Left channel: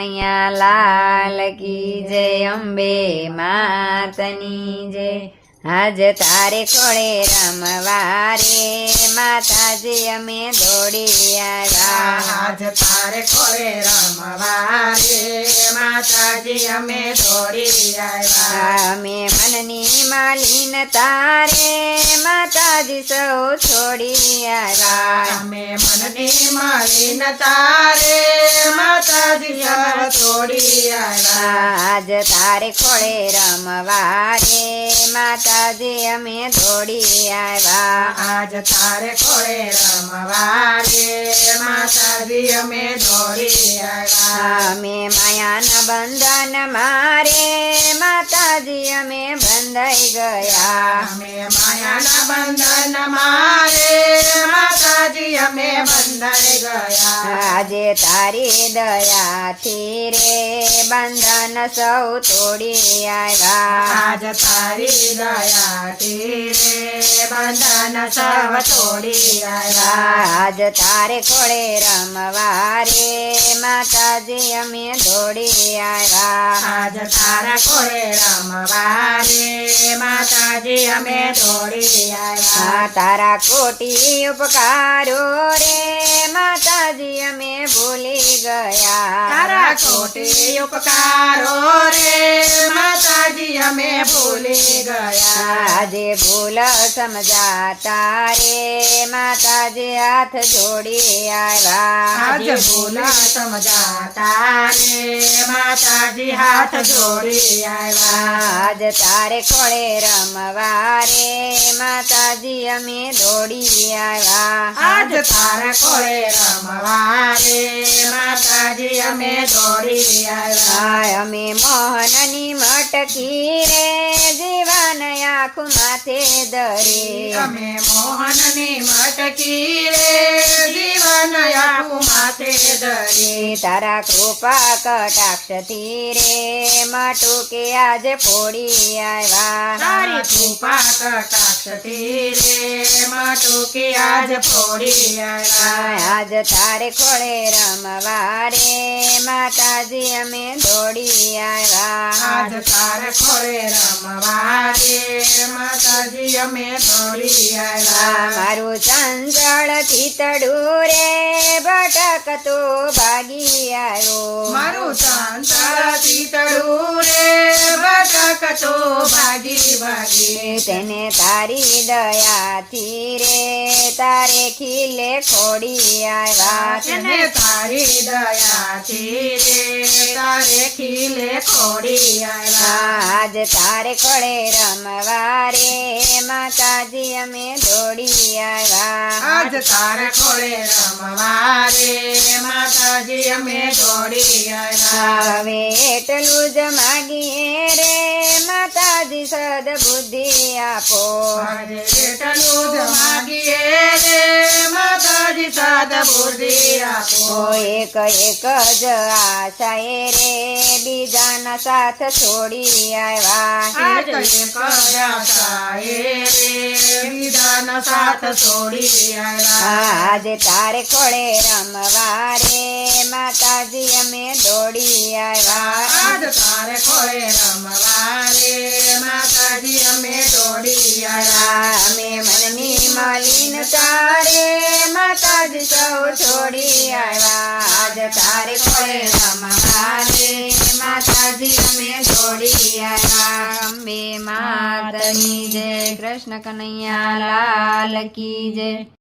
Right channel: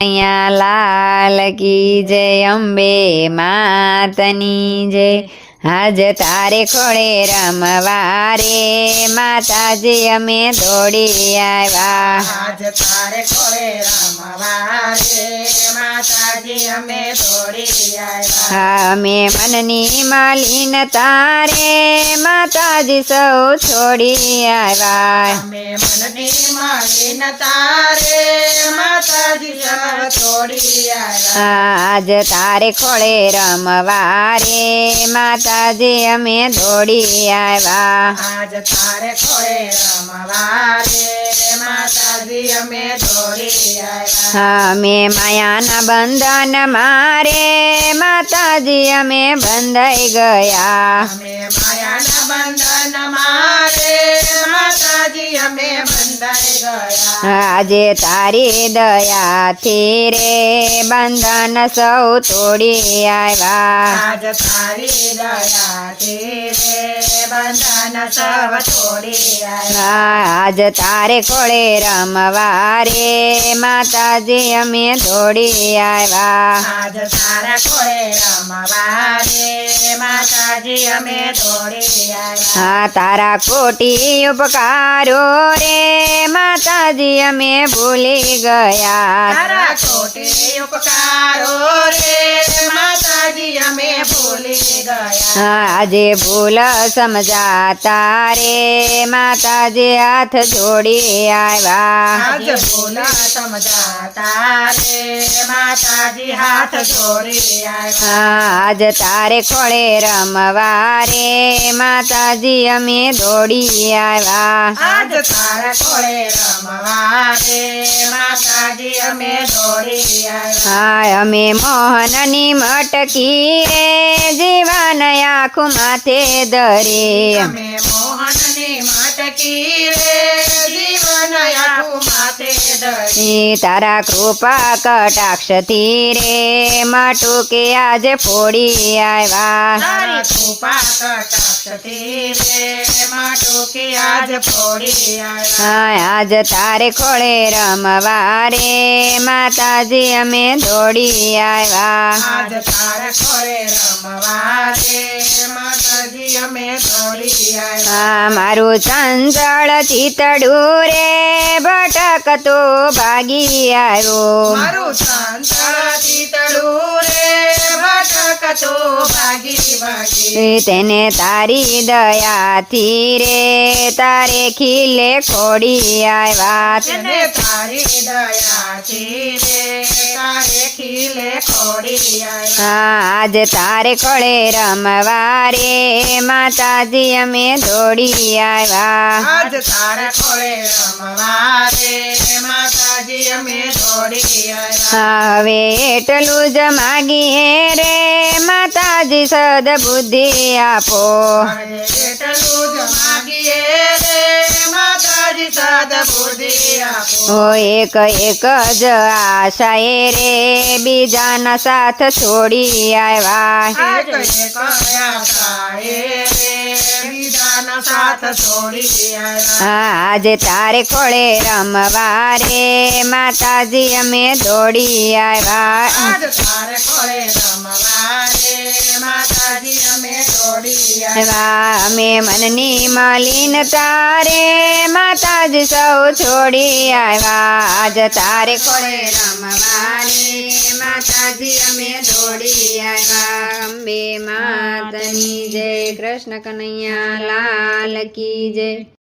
અહીંયા લાલ કી જય અંબે માતની જય આજ તારે ખોળે રમવા રે માતાજી અમે દોડી આવ્યા આજ તારે ખોળે રમવા રે માતાજી અમે દોડી આવ્યા અમે મનની માલિન તારે માતાજી સૌ છોડી આવ્યા અમે મનની માલિન તારે માતાજી અમે છોડી આવ્યા આજ તારે ખોળે રમવા રે માતાજી અમે દોડી આવ્યા આજ તારે ખોળે રમવા રે માતાજી અમે દોડી આવ્યા અમે માયાના બંધન મારે માતાજી અમે બંધાઈ ગયા અમે માયાના બંધન મારે માતાજી અમે બંધાઈ ગયા આજે તારી દયાથી રે બંધન સૌ તોડી આવ્યા આજ તારી દયાથી રે બંધન સૌ તોડી આવ્યા આજ તારે ખોળે રમવા રે માતાજી અમે દોડી આવ્યા આજ તારા ખોળે રમવા રે માતાજી અમે દોડી આવ્યા તારા કોટી ઉપકારો રે માતાજી અમે ભૂલી ગયા તારા કોટી ઉપકારો રે માતાજી અમે ભૂલી ગયા આજે ભૂલ સમજાતા રે માતાજી હાથ જોડી આવ્યા આજે ભૂલ સમજાતા રે માતાજી હાથ જોડી આવ્યા આજ તારે ખોળે રમવા રે માતાજી અમે દોડી આવ્યા આજ તારા ખોળે રમવા રે માતાજી અમે દોડી આવ્યા અમે મોહનની મટકી રે જીવન આખું માથે ધરે અમે મોહનની મટકી રે જીવન આખું માથે ધરી તારા કૃપા કટાક્ષથી રે માટુકે આજે ફોડી આવ્યા તારી કૃપા કટાક્ષથી રે માટુકી આજ ફોડી આવ્યા આજ તારે ખોળે રમવા રે માતાજી અમે દોડી આવ્યા આજ તારા ખોળે રમવા રે માતાજી અમે દોડી આવ્યા મારું ચંચળ ચિતડું રે ભટકતો ભાગી આવ્યો મારું ચંચળ ચિતડું રે ભટકતો ભાગી ભાગી તેને તારી દયાથી રે તારે ખીલે ખોડી આવ્યા તેને તારી દયાથી રે તારે ખીલે ખોડી આવ્યા આજ તારે ખોળે રમવા રે માતાજી અમે દોડી આવ્યા આજ તારા ખોળે રમવા રે માતાજી અમે દોડી આવ્યા હવે એટલું જ માગીએ રે માતાજી સદબુદ્ધિ આપો હવે એટલું જ માગીએ રે માતાજી સદબુદ્ધિ આપો ઓ એક એક જ આશાએ રે બીજાના સાથ છોડી આવ્યા આજ એક આશાએ રે બીજાનો સાથ છોડી આવ્યા આજે તારે ખોળે રમવા રે માતાજી અમે દોડી આવ્યા આજ તારે ખોળે રમવા રે માતાજી અમે દોડી આવ્યા અમે મનની માલિન તારે માતાજી સૌ છોડી આવ્યા આજ તારે ખોળે રમવા રે માતાજી અમે દોડી આવ્યા અંબે માતની જય કૃષ્ણ કનૈયા લાલ કી જય